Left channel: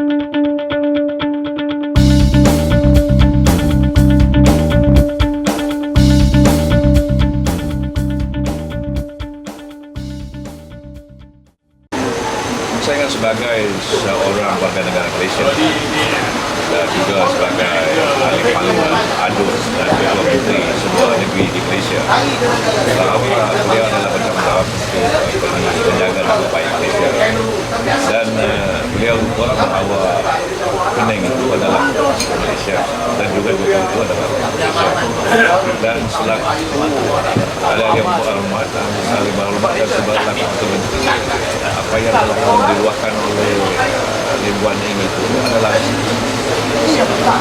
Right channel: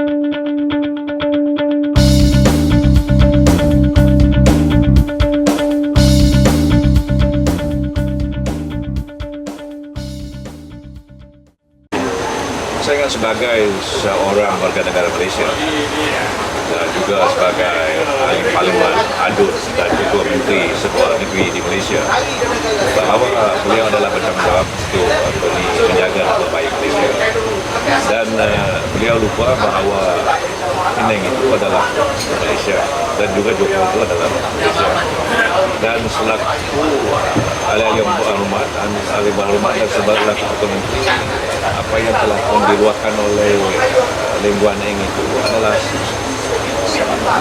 Saya kan sebagai seorang warga negara Malaysia dan juga sebagai ahli parlimen ADUN dan ketua menteri sebuah negeri di Malaysia, bahawa beliau adalah bertanggungjawab untuk menjaga nama baik Malaysia, dan beliau lupa bahawa Penang itu adalah Malaysia dan juga Johor itu adalah Malaysia. Dan selaku ahli-ahli yang berhormat dan selaku ketua menteri, apa yang telah pun diluahkan oleh Lim Guan Eng itu adalah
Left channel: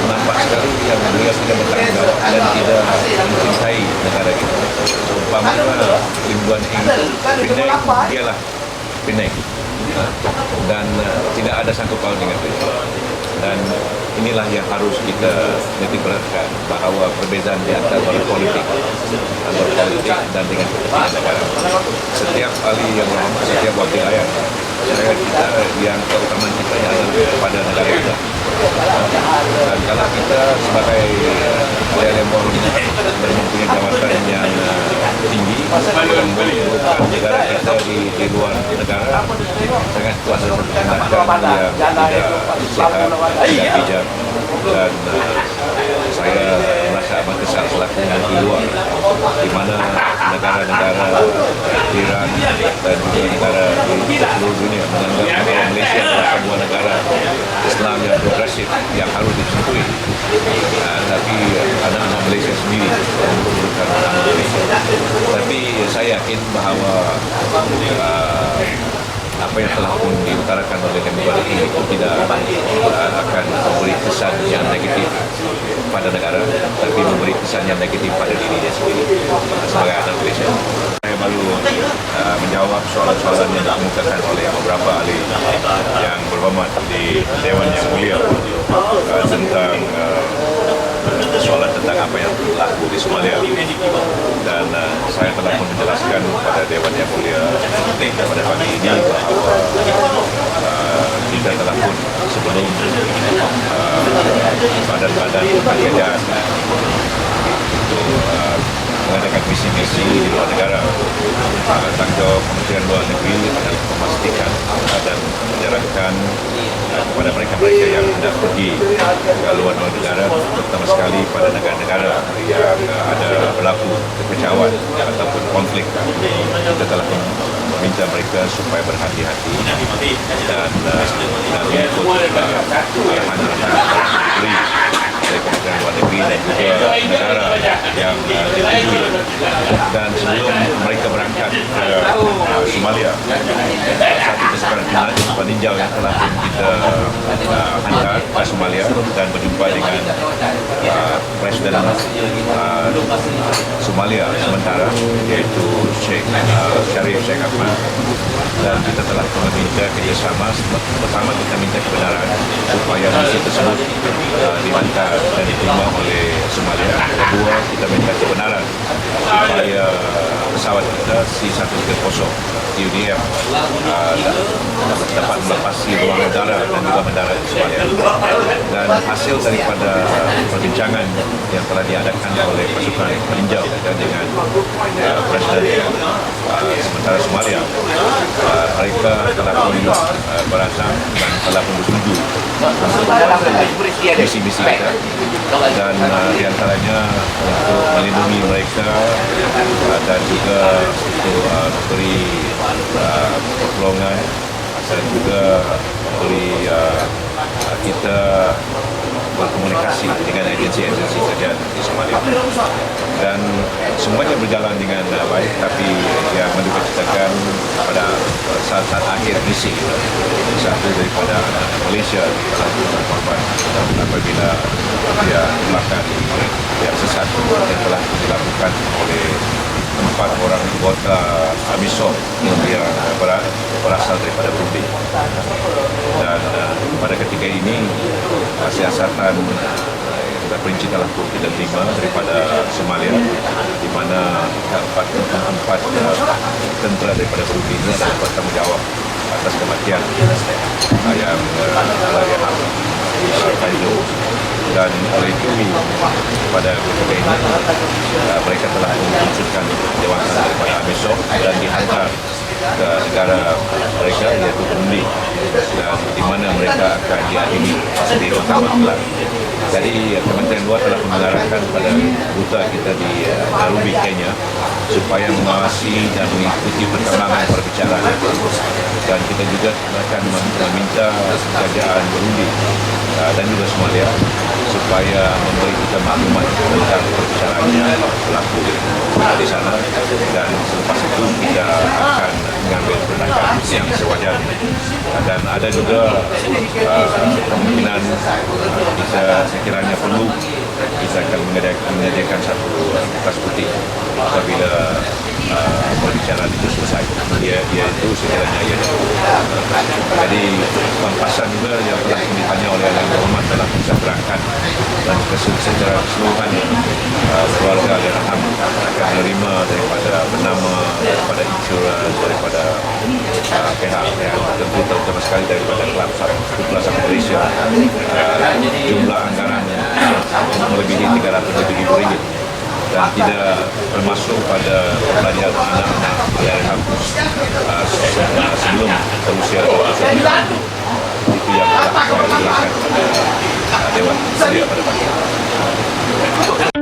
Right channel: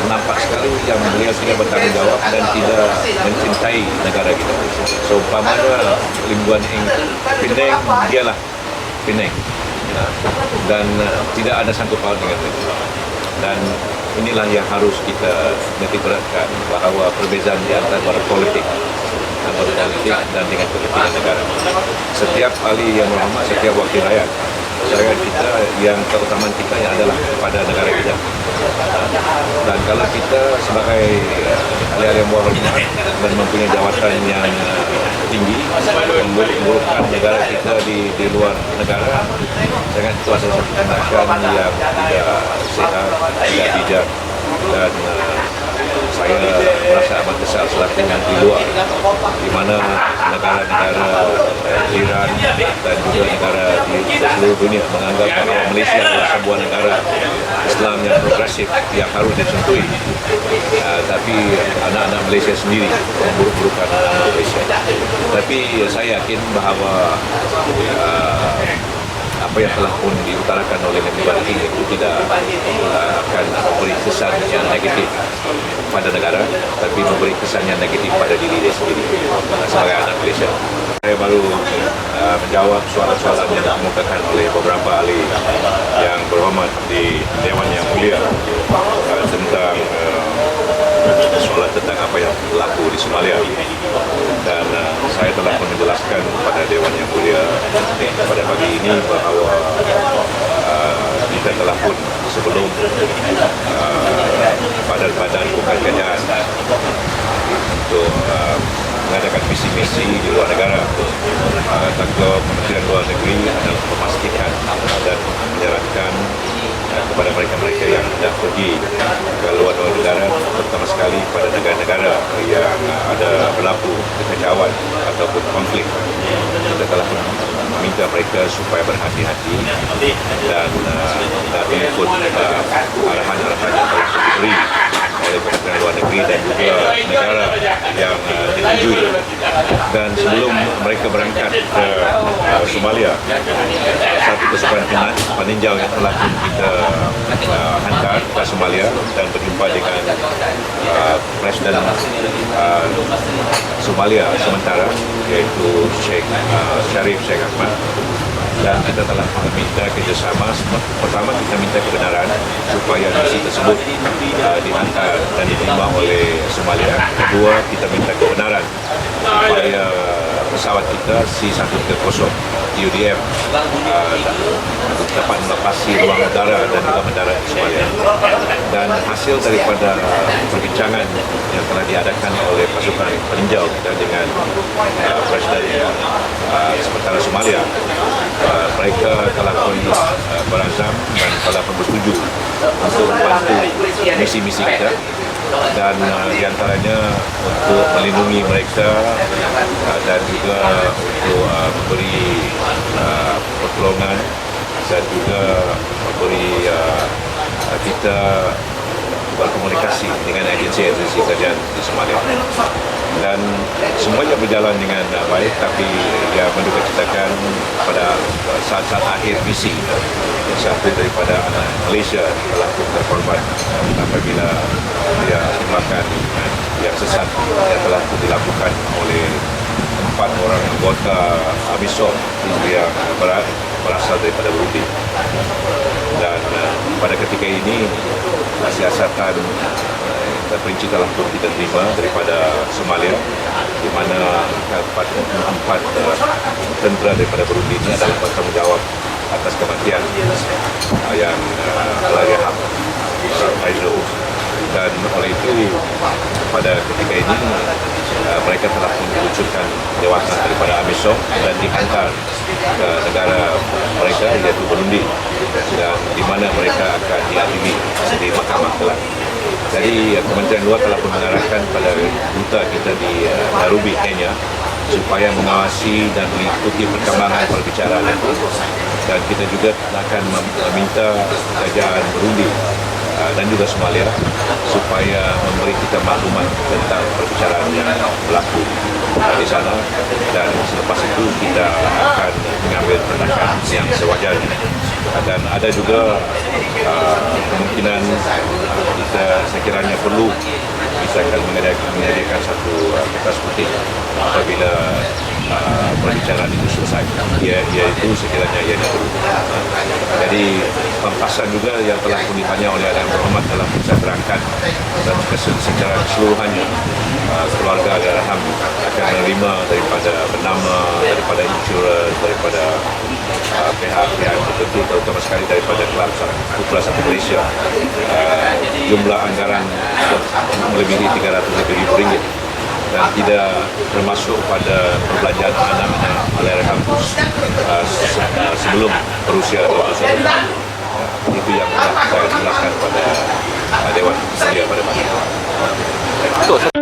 nampak sekali yang beliau tidak bertanggungjawab dan tidak mencintai negara kita Malaysia. Seumpamanya Lim Guan Eng itu, Penang dialah Penang, dan tidak ada sangkut paut dengan Malaysia. Dan inilah yang harus kita nitik beratkan, bahawa perbezaan di antara berpolitik dan dengan kepentingan negara. Setiap ahli yang berhormat, setiap wakil rakyat, masyarakat kita yang keutamaan kita yang adalah kepada negara kita. Dan kalau kita sebagai ahli-ahli yang berhormat dan mempunyai jawatan yang tinggi, memburuk-burukkan negara kita di luar negara, sangat itu adalah satu tindakan yang tidak sehat, tidak bijak, dan saya merasa amat kesal selaku Menteri Luar, di mana negara-negara jiran dan juga negara di seluruh dunia menganggap bahawa Malaysia adalah sebuah negara Islam yang progresif yang harus disentuhi, tapi anak-anak Malaysia sendiri memburuk-burukkan nama Malaysia. Tapi saya yakin bahawa apa yang telah pun diutarakan oleh Lim Guan Eng itu tidak akan memberi kesan yang negatif pada negara, tapi memberi kesan yang negatif pada diri dia sendiri sebagai anak Malaysia. Saya baru menjawab soalan-soalan yang dikemukakan oleh beberapa ahli yang berhormat di Dewan Yang Mulia tentang soalan tentang apa yang berlaku di Somalia, dan saya telah pun menjelaskan kepada Dewan Yang Mulia pada pagi ini bahawa kita telah pun sebelum badan-badan bukan kerajaan untuk mengadakan misi-misi di luar negara. Tanggung Kementerian Luar Negeri adalah memastikan dan menyarankan kepada mereka-mereka yang hendak pergi ke luar negara, terutama sekali pada negara-negara yang ada berlaku kekacauan ataupun konflik. Kita telah meminta mereka supaya berhati-hati dan mengikut arahan-arahan yang telah diberi oleh Kementerian Luar Negeri dan juga negara yang ditujui. Dan sebelum mereka berangkat ke Somalia, satu pasukan peninjau yang telah pun kita hantar ke Somalia dan berjumpa dengan Presiden Somalia sementara, iaitu Sheikh Sharif Sheikh Ahmad. Dan kita telah meminta kerjasama. Pertama, kita minta kebenaran supaya misi tersebut dihantar dan diterima oleh Somalia. Kedua, kita minta kebenaran supaya pesawat kita C-130 TUDM dapat melepasi ruang udara dan juga mendarat di Somalia. Dan hasil daripada perbincangan yang telah diadakan oleh pasukan peninjau kita dengan Presiden sementara Somalia, mereka telah pun berazam dan telah pun bersetuju untuk membantu misi-misi kita, dan diantaranya untuk melindungi mereka dan juga untuk memberi pertolongan dan juga memberi kita berkomunikasi dengan agensi-agensi kerajaan di Somalia. Dan semuanya berjalan dengan baik, tapi yang menduga citakan pada saat-saat akhir misi kita, satu daripada anak Malaysia telah terkorban apabila dia tembakan yang sesat yang telah dilakukan oleh 4 orang anggota AMISOM yang berasal daripada Burundi. Dan pada ketika ini siasatan terperinci telah pun kita terima daripada Somalia, di mana empat tentera daripada Burundi ini adalah bertanggungjawab atas kematian yang Allahyarham Dr. Faizul. Dan oleh itu pada ketika ini mereka telah pun diluncurkan jawatan daripada AMISOM dan dihantar ke negara mereka iaitu Burundi, dan di mana mereka akan diadili di Mahkamah Kelab. Jadi Kementerian Luar telah pun mengarahkan pada duta kita di Nairobi, Kenya, supaya mengawasi dan mengikuti perkembangan perbicaraan itu, dan kita juga akan meminta kerajaan Burundi dan juga Somalia supaya memberi kita maklumat tentang perbicaraan yang berlaku di sana, dan selepas itu kita akan mengambil tindakan yang sewajarnya. Dan ada juga kemungkinan kita sekiranya perlu kita akan menyediakan satu kertas putih apabila perbicaraan itu selesai, iaitu sekiranya ianya perlu. Jadi pampasan juga yang telah pun ditanya oleh Yang Berhormat telah pun saya terangkan, dan secara keseluruhannya keluarga Allahyarham akan menerima daripada bernama, daripada insurans, daripada pihak-pihak tertentu, terutama sekali daripada Kelab Putra 1 Malaysia, jumlah anggaran melebihi 300 lebih ringgit, dan tidak termasuk pada perbelanjaan anak-anak Allahyarham sebelum berusia 21 tahun. Itu yang telah saya jelaskan pada Dewan Mulia pada pagi ini.